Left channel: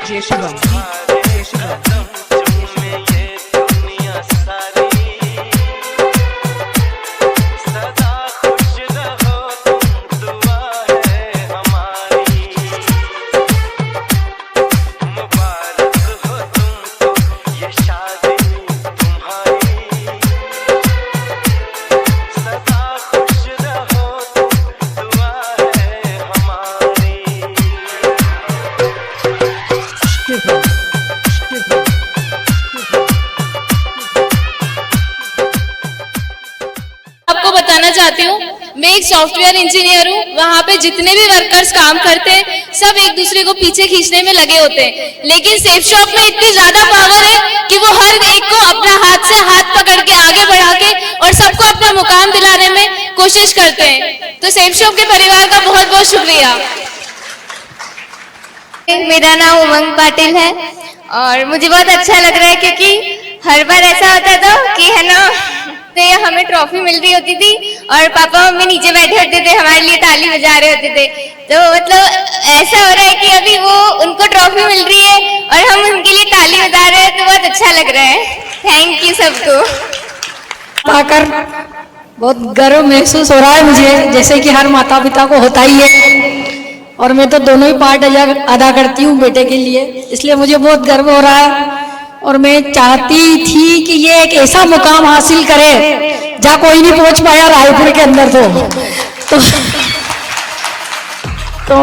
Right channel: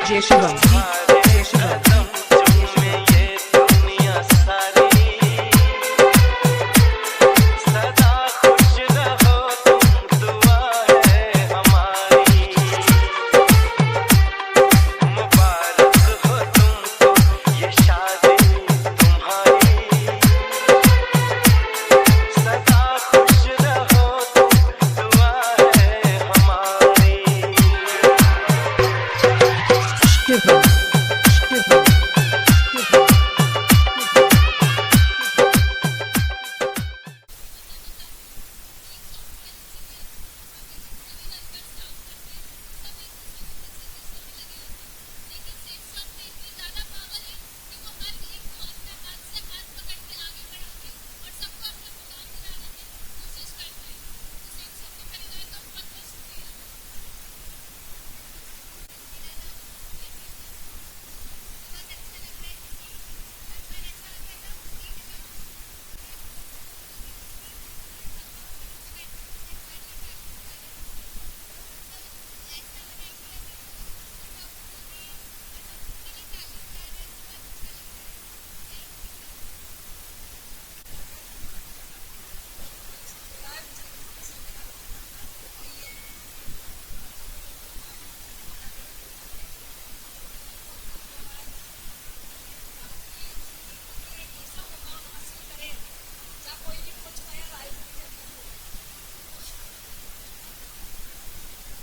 जय शिवम, जय शिवम। आपको बताना चाहती हूँ, मैं एक सॉफ्टवेयर इंजीनियर हूँ। वहाँ पे जितने भी वर्कर्स काम करते हैं सब एक दूसरे को पीछे खींचने में लगे होते हैं, लेकिन सेफ शॉप में इतनी ज्यादा पावर है कि वो हर एक को अपना हाथ से हाथ पकड़ के आगे बढ़ा के और सबको अपना मुकाम दिलाने में कोशिश करते हैं। तो सेफ शॉप के परिवार का बहुत बहुत शुक्रिया। मेरा नाम उमंग पाटिल है और मुझे बहुत अच्छा लग रहा है क्योंकि हर बार ऐसा होता था कि है ना, तो हमें ट्रॉफी मिल रही होती थी और पापा मम्मी नीचे बैठे होते थे, हमारे लिए ताली बजा रहे होते थे। तो मतलब ऐसा हो रहा है कि अभी वो उनको ट्रॉफी मिल रही है और हम उनके लिए ताली बजा रहे हैं, तो बहुत अच्छा लग रहा है। थैंक यू सबको। पाकर बहुत गर्व महसूस हो रहा है मुझे, जैसे कि हर माता पिता को होता ही है, और मैं तो दोनों ही पार्ट अदा करती हूँ बेटे के लिए, इसलिए मुझे बहुत गर्व हो रहा है। और मैं चाहती थी कि ये एक ऐसा मुकाम हासिल करे जहाँ कोई नहीं पहुंच पाया रायपुर के अंदर। तो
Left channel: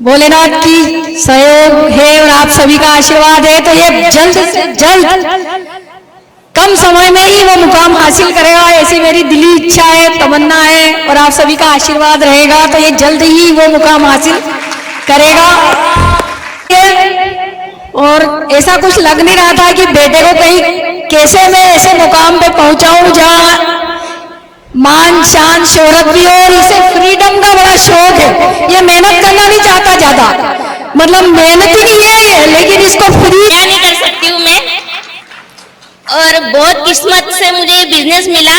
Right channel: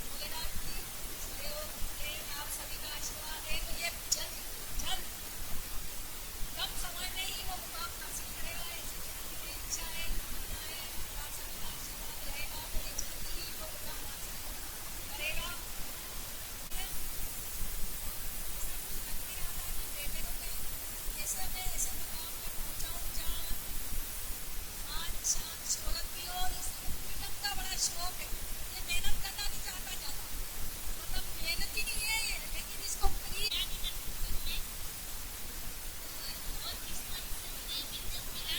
भोलेनाथ की सहयोग है और आप सभी का आशीर्वाद है, तो ये जल्द से जल्द कम समय में ही वो मुकाम हासिल करेगा, ऐसी मेरी दिली इच्छा है, तमन्ना है, और आप सभी का आशीर्वाद रहेगा तो ये जल्द ही वो मुकाम हासिल करेगा। और ऐसा कुछ लग नहीं रहा था कि बेटे को कहीं कैसे मैं ऐसे मुकाम पे पहुंचाऊं जहां मान शान शोहरत भी हो, और इसे फ्रीडम का बड़ा शौक है। ये मेहनत करना नहीं चाहता ज्यादा, मतलब मेहनत ही नहीं है ये, लेकिन इसको फ्री नहीं कर सकती हूँ मैं, और बहुत किस्मत से मुझे बिजनेस मिला,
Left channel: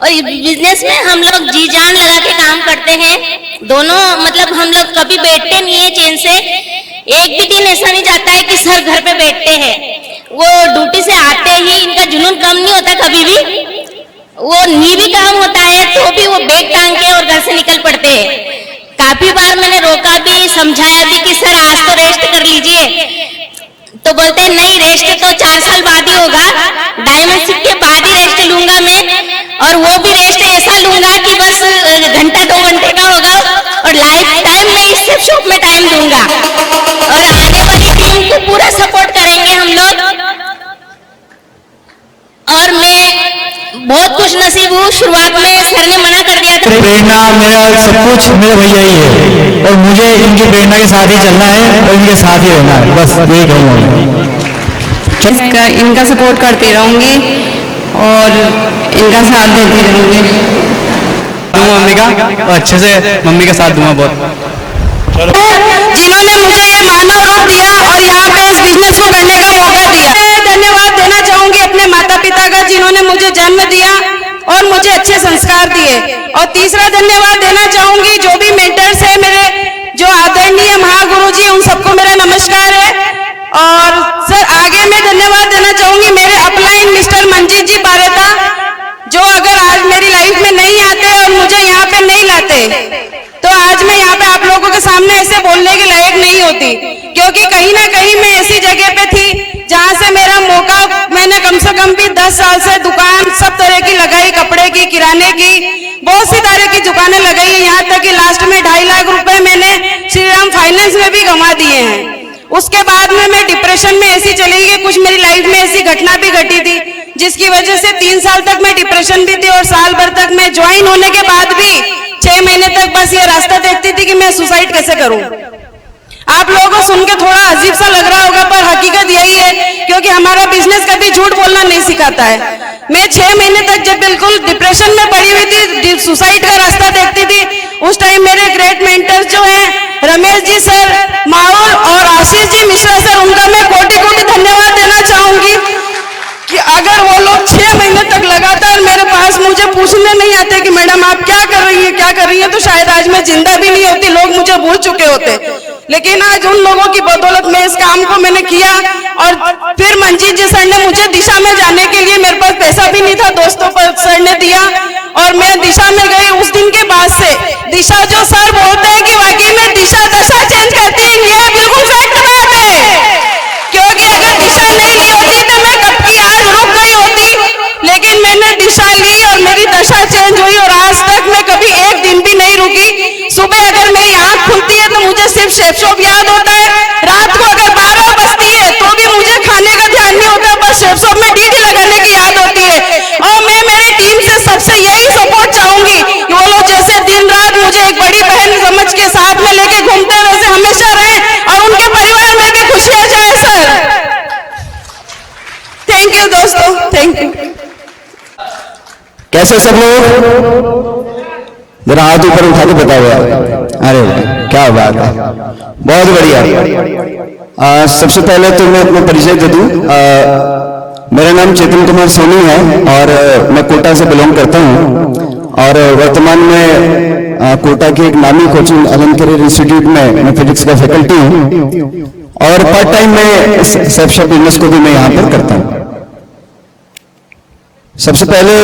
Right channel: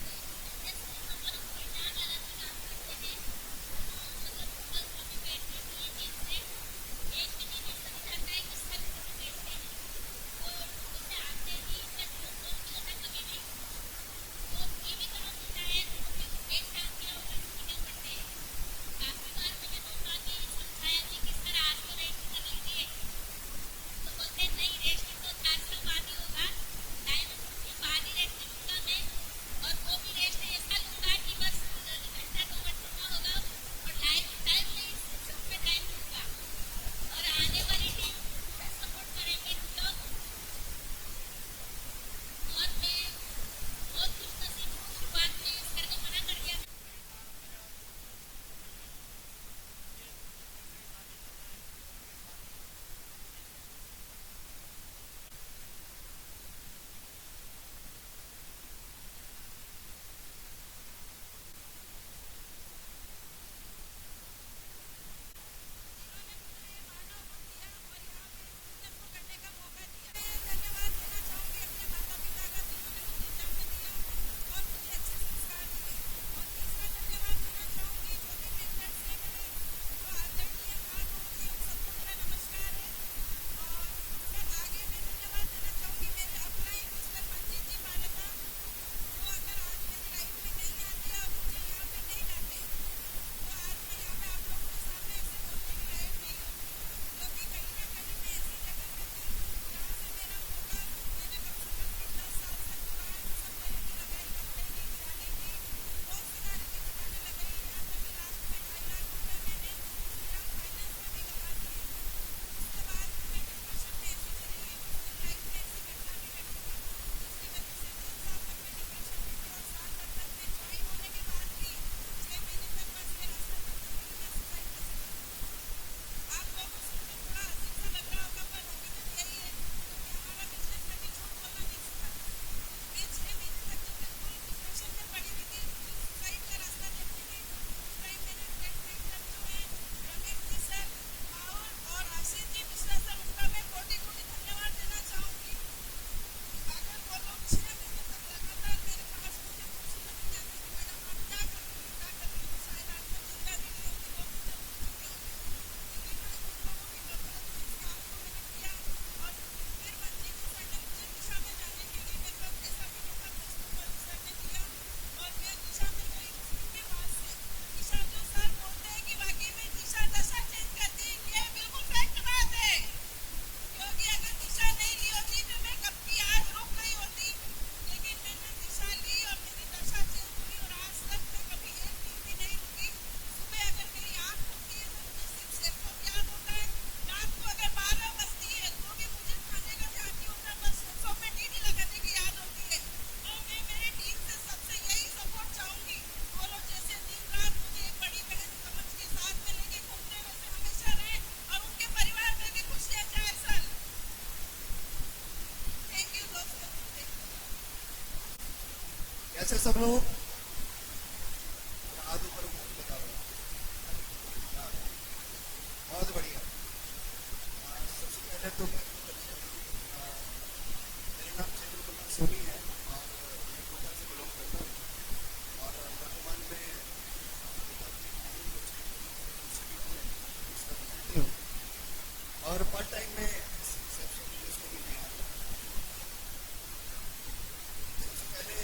और इस बिजनेस में हम लोग जी जान लगा के काम करते हैं दोनों। मतलब हम लोग कभी बैठते नहीं है चैन से, एक भी दिन ऐसा नहीं जाता है कि सर घर पे बैठते हैं। वो ड्यूटी से आते ही इनका जुनून कम नहीं होता, कभी भी वो नी भी काम होता है तो भी वो बैग टांग के और घर से निकल पड़ते हैं। काफी बार मैंने रोका भी, समझाया भी कि सर आज तो रेस्ट कर लीजिए, तो बोलते हैं नहीं, रेस्ट तो 4 साल बाद ही होगा, डायमंड सिक्के के बाद ही रेस्ट लूंगा मैं, और वो भी रेस्ट ऐसा लूंगा कि बस घंटा 2 घंटे का होगा, और लाइफ टाइम में इस शॉप में टाइम दूंगा, और आने वाली टीम को पूरा सपोर्ट करेंगे हम लोग। और मैं बहुत खुश नसीब हूँ, शुरुआत में सर ने मना कर दिया था। प्रेरणा मेरा सब कुछ मेरे भैया ही है, और मुझे इनकी प्रेरणा के साथ ही चलना है और इनके साथ ही रहना है, बस यही कहूँगा। इनका सपोर्ट करती रहूंगी और इनका साथ देती रहूंगी। मम्मी का अच्छे से मम्मी का साथ दूंगा बहुत। जिन्होंने मुझे ये मानव रूप दिया और यहाँ पे इस बिजनेस को करने का मौका दिया, धन्यवाद देना चाहूंगी अपने माता पिता का, जिन्होंने मुझे जन्म दिया और मुझे अच्छे संस्कार दिए। और तीसरा धन्यवाद देना चाहूंगी जो भी मेंटर्स है मेरे, जो आदरणीय महागुरु जी, उन सबको मेरा नमस्कार है। और सर आगे मैं धन्यवाद देना चाहूंगी मेरे अपलाइन मिस्टर मंजीत जी पारेता, जो अगर आज मेरी लाइफ में नहीं आते और मुझे यहाँ पे नहीं लाते तो आज मैं यहाँ पे आप लोगों के सामने ऐसे बोलने के लायक नहीं होती, क्योंकि कहीं ना कहीं मैं ऐसी जगह पे थी जहाँ से मेरा मौका, मैंने कम से कम भी 10 साल से दुकान सब तरह की लगाई, कपड़े की, किराने की, बहुत सी तरह की दुकानें लगाई है, यहाँ तक कि लास्ट में 2.5 लाख रुपए मैंने श्रीराम फाइनेंस में भी गंवा दिए हैं। उसके बाद में मैं डिप्रेशन में ऐसी चली गई, कुछ मेरी लाइफ में ऐसी घटना भी घटी थी जिसकी वजह से 3 साल तक मैं डिप्रेशन भी थी, और साल भर तक मैं ज्वाइन होने के बाद भी 6 महीने तक बस ये रास्ता देखती थी कि मैं सुसाइड कैसे करूं। आप लोगों को सुन के थोड़ा अजीब सा लग रहा होगा, पर हकीकत यही है, क्योंकि हमारा बिजनेस कभी झूठ बोलना नहीं सिखाता है। मैं 6 महीने तक जब बिल्कुल डिप्रेशन में पड़ी हुई थी, सुसाइड का रास्ता देखती थी, उस टाइम मेरे ग्रेट मेंटर्स जो हैं रमेश जी सर, माहौल और आशीष जी मिश्रा सर, उनका मैं कोटि-कोटि धन्यवाद देना चाहूंगी कि अगर वो लोग 6 महीने तक लगातार मेरे पास मुझे पूछने नहीं आते कि मैडम आप क्या कर रही हैं, क्या कर रही हैं, तो शायद आज मैं जिंदा भी नहीं होती, लोग मुझे भूल चुके होते। लेकिन आज उन लोगों की बदौलत में इस काम को मैंने किया। और फिर मंजीत जी सर ने मुझे दिशा में जाने के लिए, मेरे पास पैसा भी नहीं था, दोस्तों पर सर ने दिया और मैं दिशा में गई। उस दिन के बाद से दिशा, जो सर बोलते हैं कि वाकई में दिशा दशा चेंज करती है, ये बिल्कुल फैक्ट बात है। क्योंकि अगर दिशा नहीं ली होती तो मैं कब की आज रुक गई होती, लेकिन मैंने दिशा ली और मेरी दशा चेंज हुई और आज तक मैं कभी एक दिन भी नहीं रुकी। सुबह अगर मेरी आंख खुलती है तो मुझे सिर्फ शेफ शॉप याद होता है, रात को अगर 12 बजती है तो भी मुझे खाने का ध्यान नहीं होता, बस शेफ शॉप में ड्यूटी लगाने की याद होती है। और मैं मेरी टीम से सबसे यही सपोर्ट चाहूंगी कि वो लोग जैसे दिन रात मुझे एक बड़ी बहन समझ के साथ में लेके घूमते वैसे हमेशा रहें और उनके परिवार में भी खुशियां जाए सर। थैंक यू दोस्तों, थैंक यू। कैसे सब लोग, जरा हाथ ऊपर उठा के बताओ यार। अरे क्या बात है, बहुत बढ़िया। सबसे पहले तो मैं अपना परिचय दे दूं। मेरा नाम चेतन कुमार सोनी है और मैं कोटा से बिलोंग करता हूं और वर्तमान में कोटा के एक नामी कोचिंग एलन करियर इंस्टीट्यूट में मैं फिजिक्स का फैकल्टी हूं और पार्ट टाइम में सेफ शॉप बिजनेस को भी मैं यहाँ पर करता हूँ। सबसे पहले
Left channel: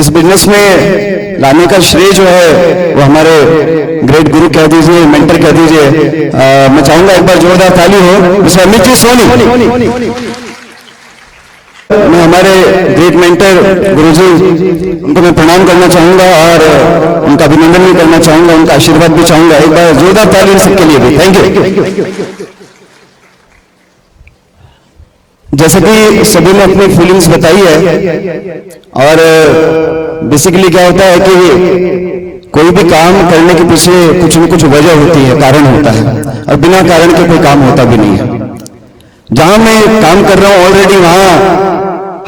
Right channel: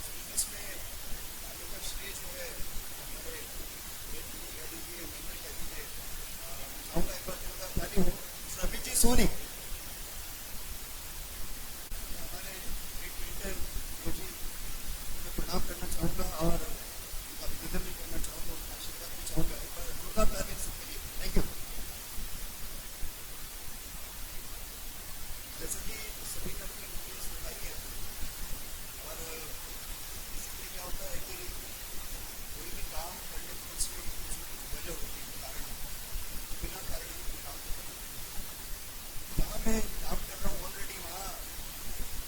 इस बिजनेस में लाने का श्रेय जो है वो हमारे ग्रेट गुरु कह दीजिए, मेंटर कह दीजिए। मैं चाहूंगा एक बार जोरदार ताली हो मिस्टर अमित जी सोनी। मैं हमारे ग्रेट मेंटर गुरुजी, उनको मैं प्रणाम करना चाहूंगा और उनका अभिनंदन भी करना चाहूंगा, उनका आशीर्वाद भी चाहूंगा। एक बार जोरदार ताली सबके लिए भी। Thank you. जैसे कि सभी ने अपनी फीलिंग्स बताई है और बेसिकली क्या होता है कि कोई भी काम करने के पीछे कुछ न कुछ वजह होती है, कारण होता है और बिना कारण के कोई काम होता भी नहीं है। जहां मैं काम कर रहा हूं ऑलरेडी वहां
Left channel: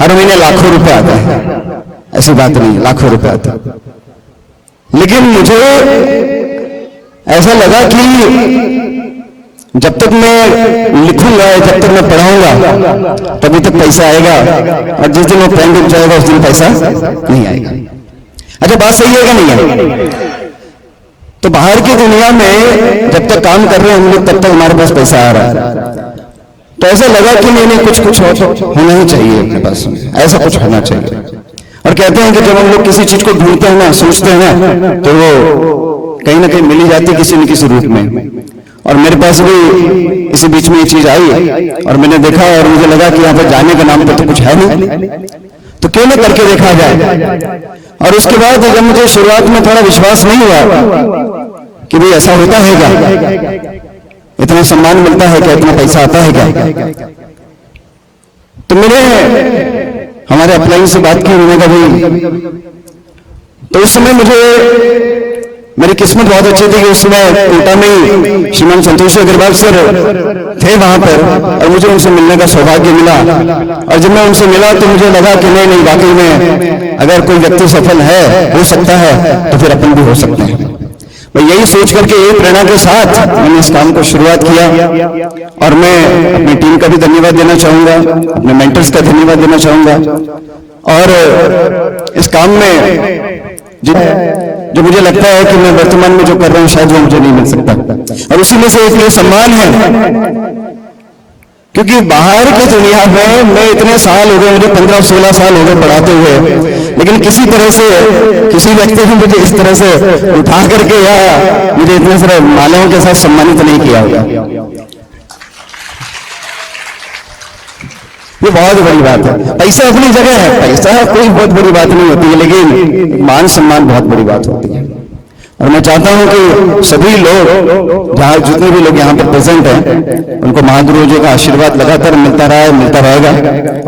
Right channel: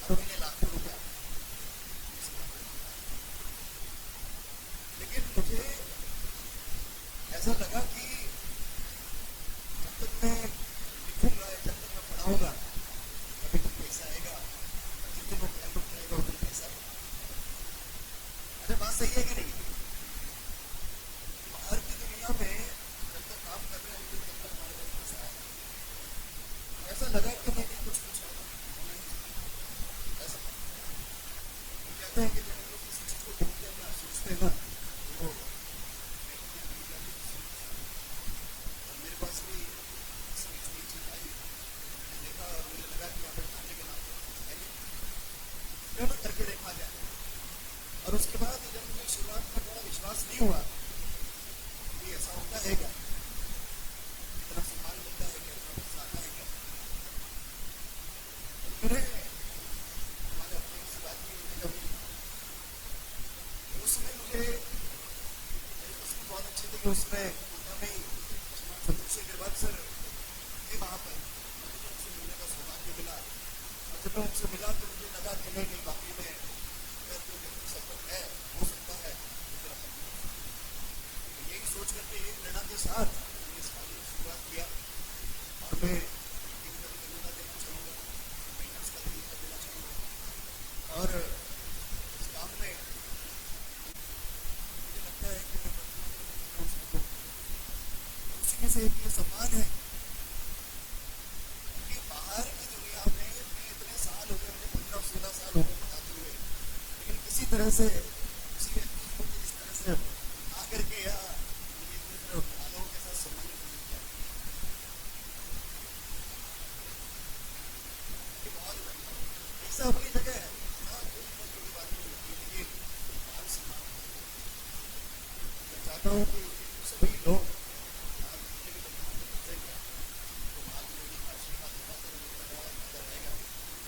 हर महीने लाखों रुपए आता है, ऐसी बात नहीं है, लाखों रुपए आता है। लेकिन मुझे ऐसा लगा कि जब तक मैं लिखूंगा, जब तक मैं पढ़ाऊंगा तभी तक पैसा आएगा और जिस दिन वो पेन रुक जाएगा उस दिन पैसा नहीं आएगा। अच्छा बात सही है क्या नहीं है? तो बाहर की दुनिया में जब तक काम कर रहे हैं हम लोग तब तक हमारे पास पैसा आ रहा है। तो ऐसा लगा कि नहीं कुछ होना ही चाहिए अपने पास, ऐसा कुछ होना चाहिए। और कहते हैं कि जब हम लोग किसी चीज को ढूंढते हैं ना, सोचते हैं ना, तो वो कहीं ना कहीं मिल ही जाती है किसी न किसी रूप में। और मेरे पास भी इसी बीच में ये चीज आई और मैंने देखा और मुझे लगा कि यहाँ पर जाने के नाम पे तो कुछ है नहीं, तो क्यों ना करके देखा जाए। और उसके बाद जब मुझे शुरुआत में थोड़ा विश्वास नहीं हुआ कि भाई ऐसा होता है क्या, इतना सम्मान मिलता है क्या, इतना पैसा आता है क्या, तो मैंने हमारे अपलाइन से बात की, उन्होंने कहा भाई, तो उस समय मुझे मेरी किस्मत बहुत अच्छी थी कि उस समय कोटा में ही श्रीमान संतोष अग्रवाल सर थे वहां पर और मुझे उनसे मिलने का सौभाग्य मिला। और जब मैं उनसे मिला तो मुझे लगा कि नहीं वाकई में अगर कोई व्यक्ति सफल है, हो सकता है, तो फिर अपन भी हो सकते हैं। मैं यही सोच करके, यही प्रेरणा के साथ मैंने इस काम को शुरुआत किया और मैं अपनी टीम का भी धन्यवाद देना चाहूंगा, अपने मेंटर्स का धन्यवाद देना चाहूंगा। और इस काम में जो मुझे लगता है कि मैं वर्तमान में जो कर रहा हूं शायद वो मुझे नहीं मिल सकता, और उसी में से एक ये सम्मान है क्योंकि बाहर की दुनिया में मैं इतने साल हो गए, मुझे 15-16 साल हो गए पढ़ाते हुए, लेकिन किसी तरह से किसी व्यक्ति ने मुझे इस तरह से उठा करके या मुझे इतने सारे मालाओं के साथ सम्मानित नहीं किया होगा। ये बहुत बड़ी बात है। पैसा अपनी जगह है, पैसा कोई बहुत बड़ी बात नहीं होती है, लेकिन मान सम्मान बहुत बड़ी बात होती है। और मैं चाहता हूं कि सभी लोग, जहां जितने भी लोग यहाँ पर प्रेजेंट हैं, उनको महागुरु जी का आशीर्वाद लगातार मिलता रहा है, मिलता रहेगा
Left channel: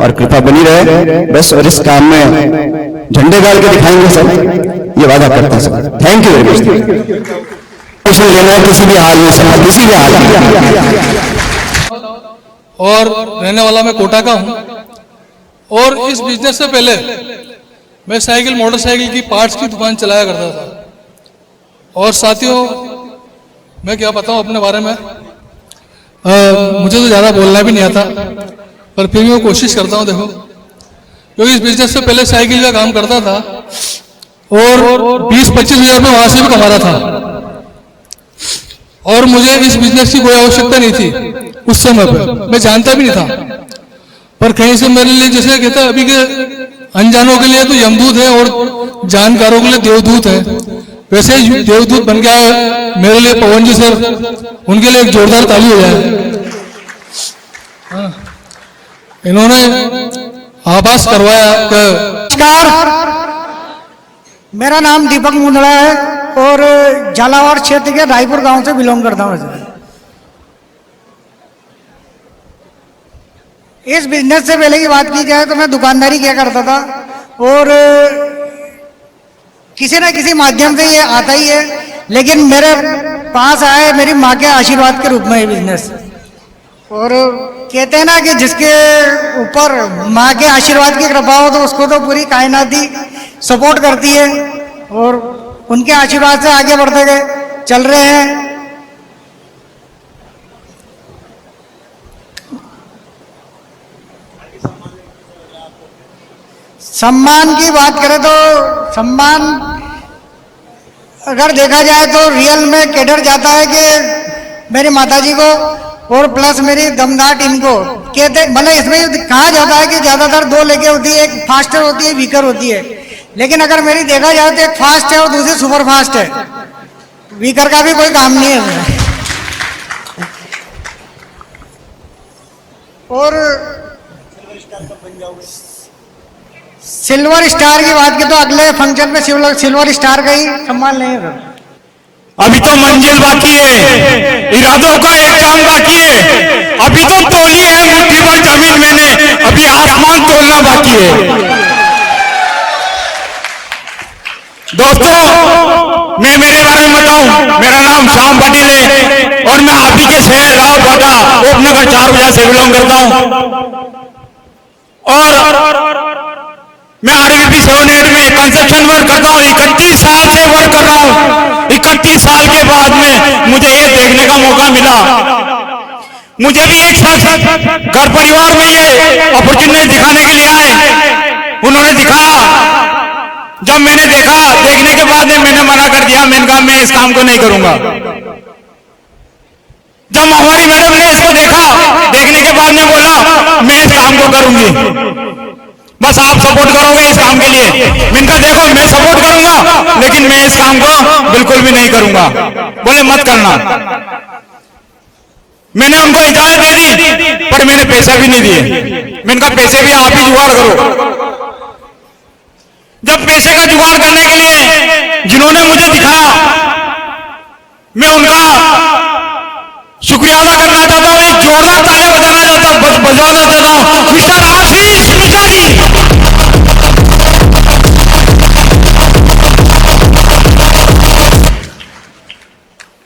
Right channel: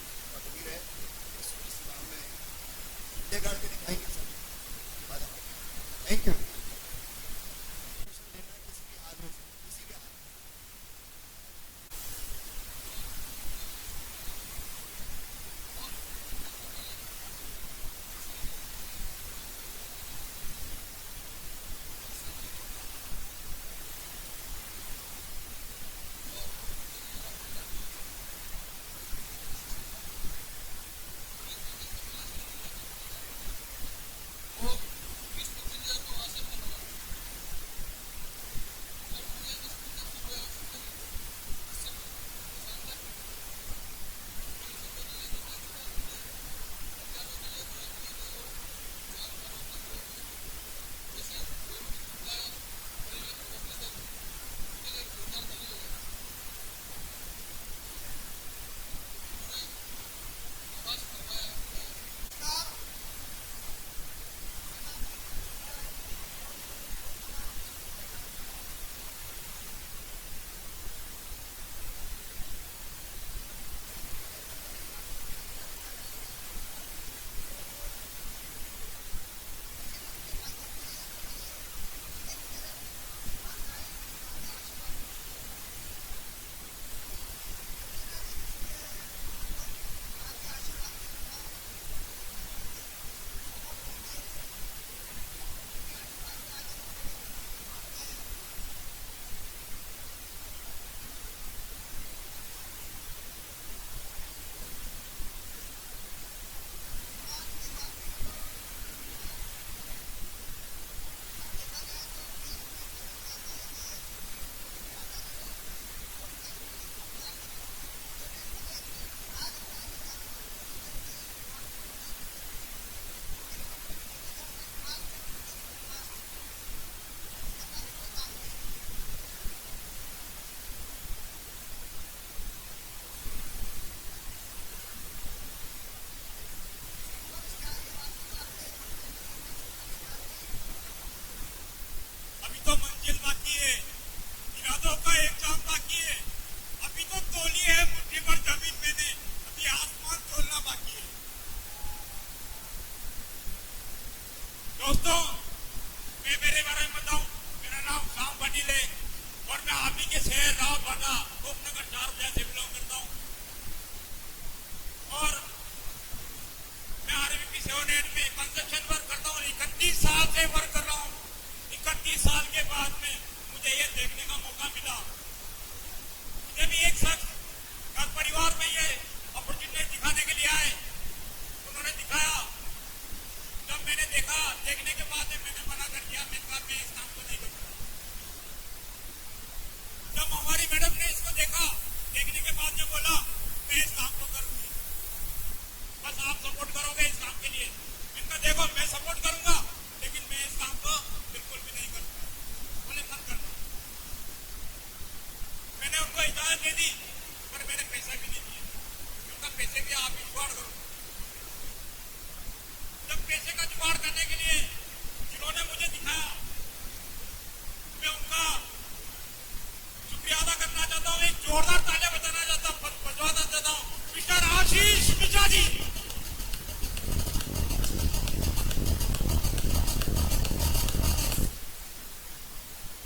और कृपा बनी रहे बस। और इस काम में झंडे गाड़ के दिखाएंगे सब, ये वादा करते हैं सब। Thank you very much. लेना है किसी भी हाल में, सब किसी भी हाल में। और रहने वाला मैं कोटा का हूं और इस बिजनेस से पहले मैं साइकिल मोटरसाइकिल की पार्ट्स की दुकान चलाया करता था। और साथियों, मैं क्या बताऊं अपने बारे में, मुझे तो ज़्यादा बोलना भी नहीं आता, पर फिर भी मैं कोशिश करता हूं। देखो, क्योंकि इस बिजनेस से पहले साइकिल का काम करता था और 20-25 हजार में वहां से भी कमाता था, और मुझे इस बिजनेस की कोई आवश्यकता नहीं थी उस समय पर, मैं जानता भी नहीं था। पर कहीं से मेरे लिए, जैसे कहता अभी के अनजानों के लिए तो यमदूत है और जानकारों के लिए देवदूत है, वैसे ही देवदूत बन गया है मेरे लिए पवन जी सर, उनके लिए एक जोरदार ताली हो जाए। इन्होंने आभास करवाया। नमस्कार, मेरा नाम दीपक मुंदड़ा है और झालावाड़ क्षेत्र के रायपुर गांव से बिलोंग करता हूँ। इस बिजनेस से पहले की बात की जाए तो मैं दुकानदारी किया करता था और किसी न किसी माध्यम से ये आता ही है, लेकिन मेरे पास आए मेरी माँ के आशीर्वाद के रूप में ये बिजनेस। और कहते हैं ना कि जिसके ऊपर माँ के आशीर्वाद की कृपा हो तो उसको तो पूरी कायनात ही सपोर्ट करती है, और उनके आशीर्वाद से आगे बढ़ते गए चल रहे हैं। सम्मान की बात करें तो सम्मान अगर देखा जाए तो रियल में कैडर जाता है कि मेरी माताजी को और प्लस मेरी दमदार टीम को। कहते मतलब इसमें कहा जाता है कि ज्यादातर दो लेके होती है, एक फास्टर होती है, वीकर होती है, लेकिन अगर मेरी देखा जाए तो एक फास्ट है और दूसरी सुपर फास्ट है। वीकर का भी कोई काम नहीं है। और सिल्वर स्टार की बात की तो अगले फंक्शन में सिल्वर स्टार का ही सम्मान लेंगे। अभी तो मंजिल बाकी है, इरादों का एक काम बाकी है। अभी तो तोली है मुट्ठी भर जमीन मैंने, अभी आसमान तोलना बाकी है। दोस्तों, मैं मेरे बारे में बताऊं, मेरा नाम श्याम पाटिल है और मैं आप ही के शहर रावबाटा उपनगर 4 बजे से बिलोंग करता हूं। और मैं RVP 78 में कंस्ट्रक्शन वर्क करता हूँ। 31 साल से वर्क कर रहा हूँ। 31 साल के बाद में मुझे ये देखने का मौका मिला। मुझे भी एक साथ घर परिवार में ये अपॉर्चुनिटी दिखाने के लिए आए, उन्होंने दिखाया। जब मैंने देखा, देखने के बाद में मैंने मना कर दिया, मैंने कहा मैं इस काम को नहीं करूंगा। जब हमारी मैडम ने इसको देखा, देखने के बाद में बोला मैं इस काम को करूंगी, बस आप सपोर्ट करोगे इस काम के लिए। मैंने कहा देखो मैं सपोर्ट करूंगा, लेकिन मैं इस काम को बिल्कुल भी नहीं करूंगा। बोले मत करना। मैंने उनको इजाजत दे दी, पर मैंने पैसा भी नहीं दिए। मैंने कहा पैसे भी आप ही जुगाड़ करो। जब पैसे का जुगाड़ करने के लिए जिन्होंने मुझे दिखाया, मैं उनका शुक्रिया अदा करना चाहता हूं। एक जोरदार तालियां बजाना चाहता हूं मिस्टर आशीष मिश्रा जी।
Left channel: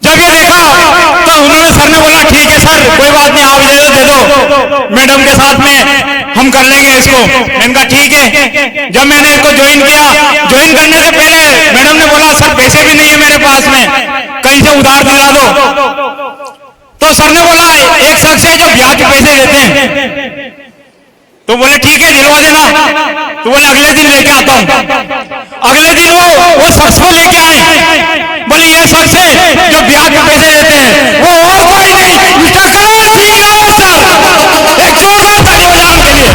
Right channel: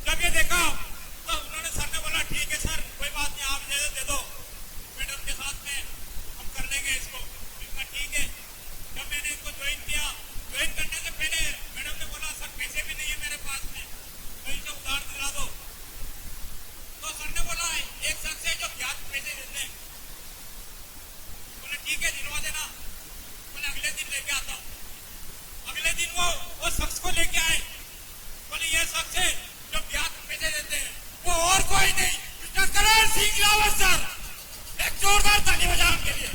जब ये देखा तो उन्होंने, सर ने बोला ठीक है सर कोई बात नहीं, आप दे दो मैडम के साथ में हम कर लेंगे इसको। मैंने कहा ठीक है। जब मैंने इसको ज्वाइन किया, ज्वाइन करने से पहले मैडम ने बोला सर पैसे भी नहीं है मेरे पास में, कहीं से उधार दिला दो। तो सर ने बोला एक शख्स है जो ब्याज के पैसे देते हैं, तो बोले ठीक है दिलवा देना। तो बोले अगले दिन लेके आता हूं। अगले दिन वो शख्स को लेके आए, बोले ये शख्स है जो ब्याज के पैसे देते हैं, वो और कोई नहीं मिस्टर करण सिंह रावत सर। एक जोरदार ताली बजाओ उनके लिए।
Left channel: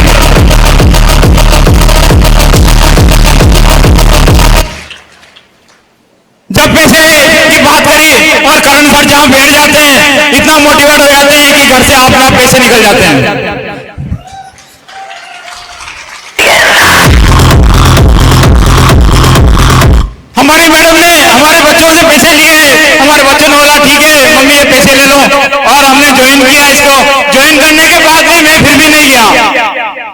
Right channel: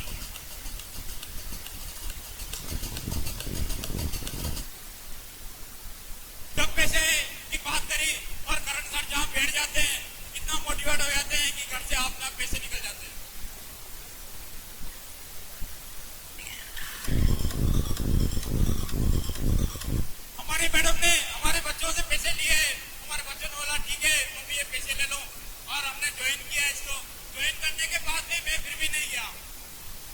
जब पैसे की बात करी और करण सर जहां बैठ जाते हैं, इतना मोटिवेट हो जाते हैं कि घर से अपना पैसे निकल जाते हैं। हमारी मैडम ने हमारे बच्चों से पैसे लिए, हमारे बच्चों ने बोला ठीक है मम्मी ये पैसे ले लो, और हमने ज्वाइन किया इसको। ज्वाइन करने के बाद में मैं फिर भी नहीं गया।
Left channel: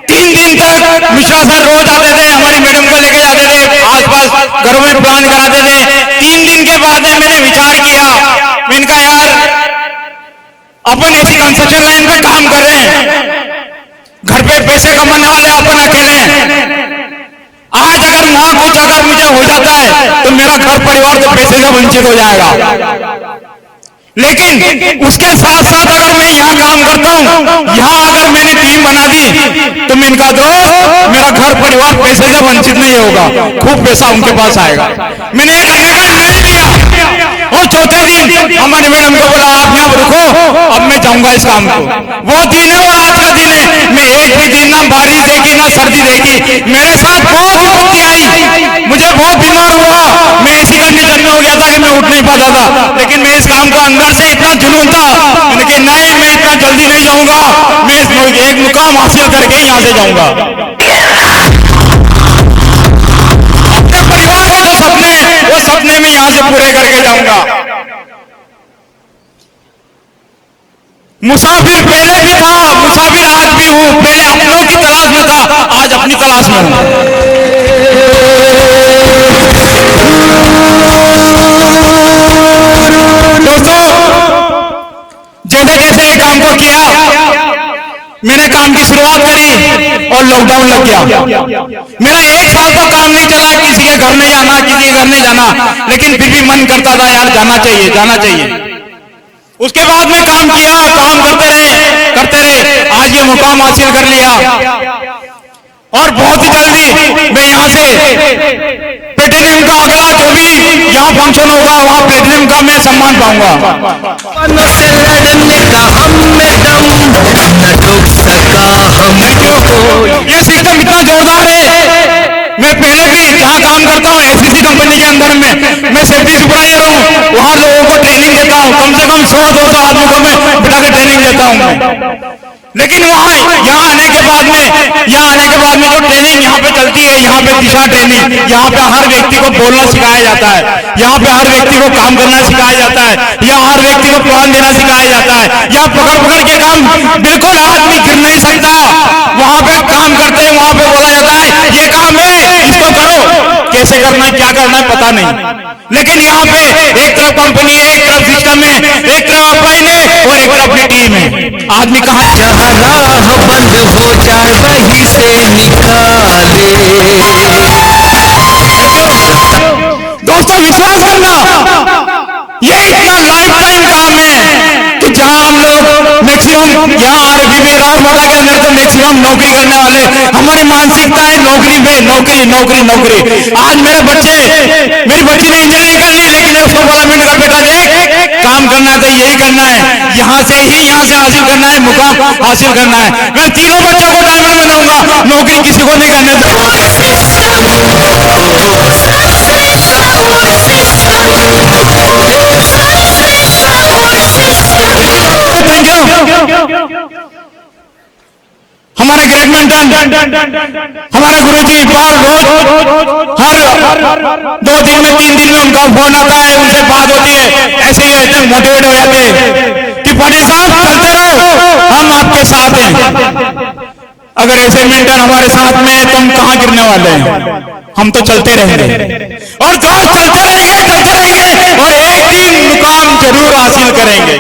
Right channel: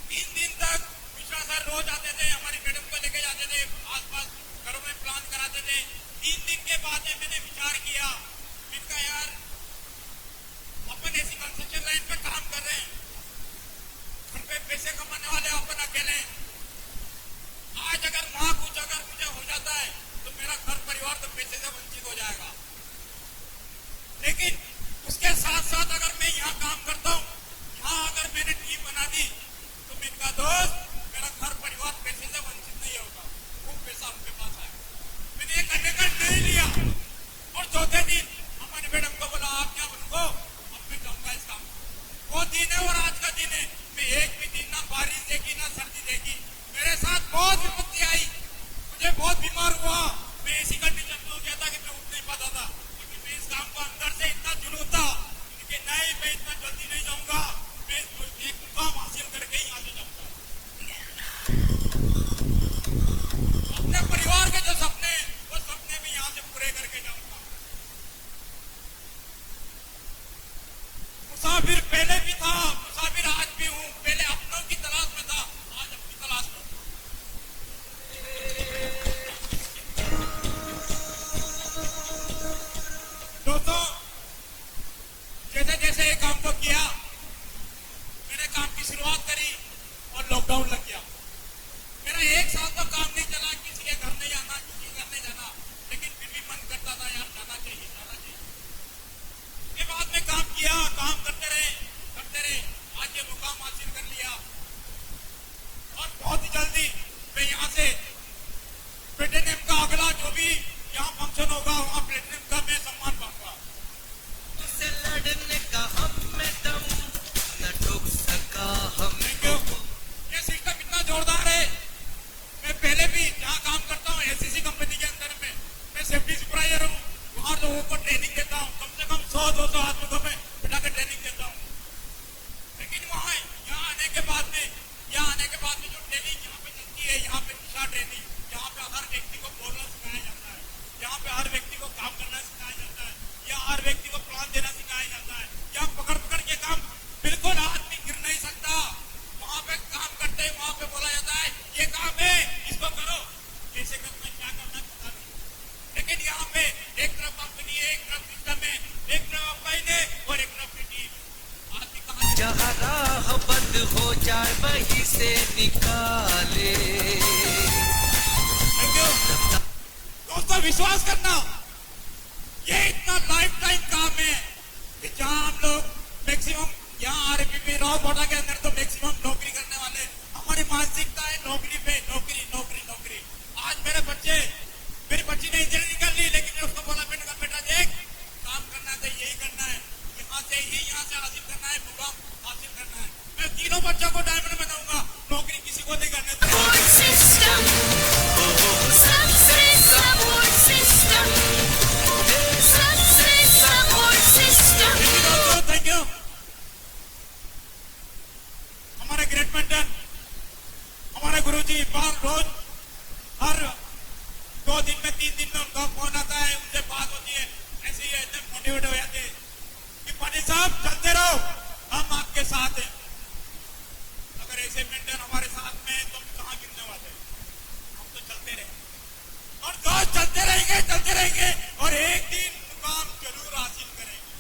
3 दिन तक मिश्रा सर रोज आते थे, हमारी मैडम को लेके जाते थे, आसपास घरों में प्लान कराते थे। 3 दिन के बाद में मैंने विचार किया, मैंने कहा यार अपन ऐसी कंस्ट्रक्शन लाइन पे काम कर रहे हैं, घर पे पैसे कमाने वाले अपन अकेले हैं। आज अगर वहां कुछ अगर मुझे हो जाता है तो मेरा घर परिवार तो पैसे से वंचित हो जाएगा। लेकिन उसके साथ साथ अगर मैं यहाँ काम करता हूँ, यहाँ अगर मैंने टीम बना दी तो मैं इनका दोस्त, मेरा घर घर परिवार पैसे से वंचित नहीं होगा, खूब पैसा उनके पास आएगा। मैंने ये करने का निर्णय लिया और चौथे दिन हमारे मैडम को बोला आप यहाँ रुको, अब मैं जाऊंगा इस काम को। वो दिन है और आज का दिन है, मैं एक भी दिन ना बारिश देखी ना सर्दी देखी, मेरे साथ बहुत विपत्ति आई, मुझे बहुत बीमार हुआ, मैं ऐसी कंडीशन में हो गया था कि मैं उठ नहीं पाता था, लेकिन मैं इस काम को अंदर से इतना जुनून था, मैंने कहा नहीं मैं इतना जल्दी नहीं जाऊंगा, मैं एक मुकाम हासिल करके यहाँ से जाऊंगा। अपने परिवार के जो सपने वो सपने में यहाँ से पूरे करके जाऊंगा। मुसाफिर पहले भी था, मुसाफिर आज भी हूं, पहले अपनों की तलाश में था, आज अपनी तलाश में हूं। दोस्तों, जैसे जैसे काम को किया, मैंने काम की शुरुआत करी और लॉकडाउन लग गया। मेरा 1 साल तो काम नहीं चला, किसी के घर नहीं आना, किसी के घर नहीं जाना, लेकिन फिर भी मन करता था यार जाना चाहिए जाना चाहिए। उसके बाद में काम किया, काम करते रहे, आज ये मुकाम हासिल कर लिया और बहुत ही जल्दी मैं यहाँ से प्लेटिनम का अगला जो भी यहाँ फंक्शन होगा वहाँ प्लेटिनम का मैं सम्मान पाऊंगा। से लड़ने का हम में दम न रुक सका हमको। ये सिस्टम इतना जोरदार है, मैं पहले भी जहाँ काम करता हूँ एसीसी कंपनी के अंदर में मैं सेफ्टी सुपरवाइजर हूँ, वहाँ लोगों को ट्रेनिंग देता हूँ, कम से कम 100-200 आदमी को मैं बिठा के ट्रेनिंग देता हूँ। लेकिन वहाँ यहाँ आने के बाद में जो ट्रेनिंग यहाँ पे चलती है, यहाँ पे दिशा ट्रेनिंग, यहाँ पे हर व्यक्ति को बोलना सिखाया जाता है, यहाँ पे हर व्यक्ति को काम करना सिखाया जाता है, यहाँ हर व्यक्ति को प्लान देना सिखाया जाता है, यहाँ पकड़ के काम बिल्कुल आदमी गिर नहीं सकता, वहाँ पे काम करते हैं, वहाँ पे बोला जाता है ये काम है इसको करो, कैसे करना है क्या करना है पता नहीं। लेकिन यहाँ पे एक तरफ कंपनी है, एक तरफ सिस्टम है, एक तरफ अप्लाइन है और एक तरफ अपनी टीम है। आदमी कहाँ जहाँ राह बंद हो जाए वहीं से निकाले। दोस्तों विश्वास करना, ये इतना लाइफ टाइम काम है कि जहाँ हम लोग मैक्सिमम यहाँ आरबी में राजमाला के अंदर तो मैक्सिमम नौकरी करने वाले, हमारी मानसिकता है नौकरी में नौकरी नौकरी नौकरी। आज मेरी बच्ची ने इंजीनियरिंग कर ली, लेकिन उसको बोला मैंने कहा बेटा देख काम करना है तो यही करना है, यहाँ से हासिल करना है, मुकाम हासिल करना है। मैं तीनों बच्चों को डायमंड बनाऊंगा, नौकरी किसी को नहीं करने हमारे ग्रेडमेंटन हमारे गुरुजी बार रोज हर 2 दिन में 3 दिन में उनका फोन आता है, उनसे बात होती है, ऐसे ही इतने मोटिवेट हो जाते हैं कि पाटिल साहब चलते रहो हम आपके साथ हैं। अगर ऐसे मेंटर हमारे साथ में तो हम कहाँ गिरने वाले हैं, हम तो चलते रहेंगे और जो चलते रहेंगे और एक दिन मुकाम जरूर हासिल करेंगे।